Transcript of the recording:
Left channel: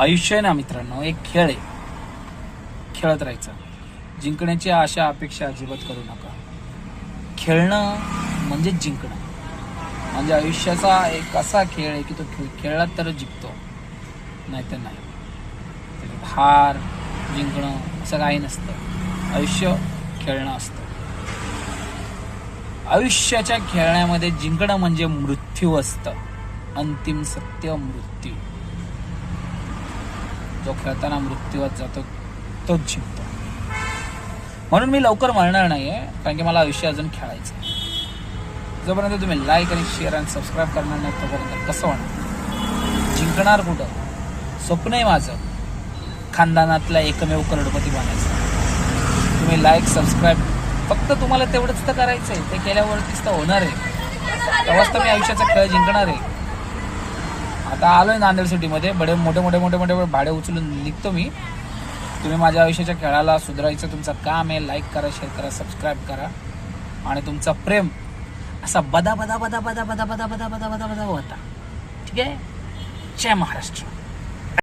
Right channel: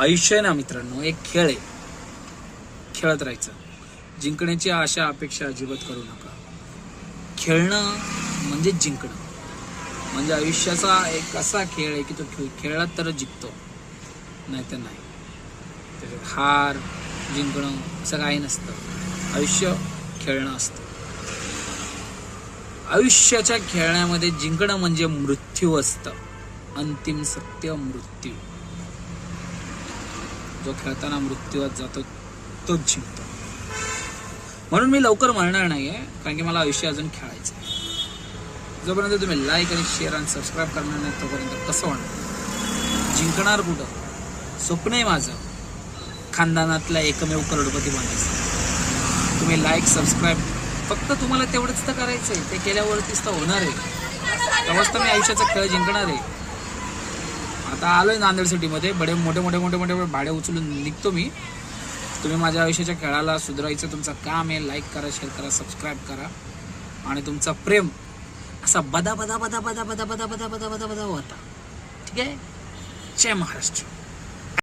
आयुष्य आहे ना मित्रांनो, एक खेळ आहे. खेळत राहायचं. जिंकण्याची आशा अपेक्षा अजिबात करू नका. खेळणं म्हणजे जिंकणं. म्हणजे आयुष्याचा एक असा खेळ आहे की तो खेळला तर जिंकतो, नाही तर नाही. त्याच्यात हार जिंकणं असं काही नसतं. आयुष्य खेळणं असतं. आयुष्याच्या खेळण्यामध्ये जिंकणं म्हणजे मृत्यू असतं. अंतिम सत्य मृत्यू. जो खेळताना मृत्यूवर जातो तोच जिंकतो. म्हणून मी लवकर मरणार नाहीये, कारण की मला आयुष्य अजून खेळायचं आहे. जोपर्यंत तुम्ही लाईक आणि शेअर आणि सबस्क्राईब करणार नाही तोपर्यंत कसं होणार? जिंकणार कुठं? स्वप्न आहे माझं खानदानातला एकमेव करोडपती बनायचं. तुम्ही लाईक सबस्क्राईब फक्त तुम्हाला तेवढंच तर करायचं आहे. ते केल्यावरतीच तर होणार आहे. तेव्हाच तर मी आयुष्याचा खेळ जिंकणार आहे. आता आलोय नांदेड सिटीमध्ये. मोठे भाडे उचलून निघतो मी. तुम्ही माझ्या आयुष्याच्या खेळाला सुधारायचं तुमचं काम आहे. लाईक करा, शेअर करा, सबस्क्राईब करा आणि तुमचा प्रेम असा बदा बदा बदा बदा बदा बदा बदा बदा बदा बदा होता. ठीक आहे. जय महाराष्ट्र.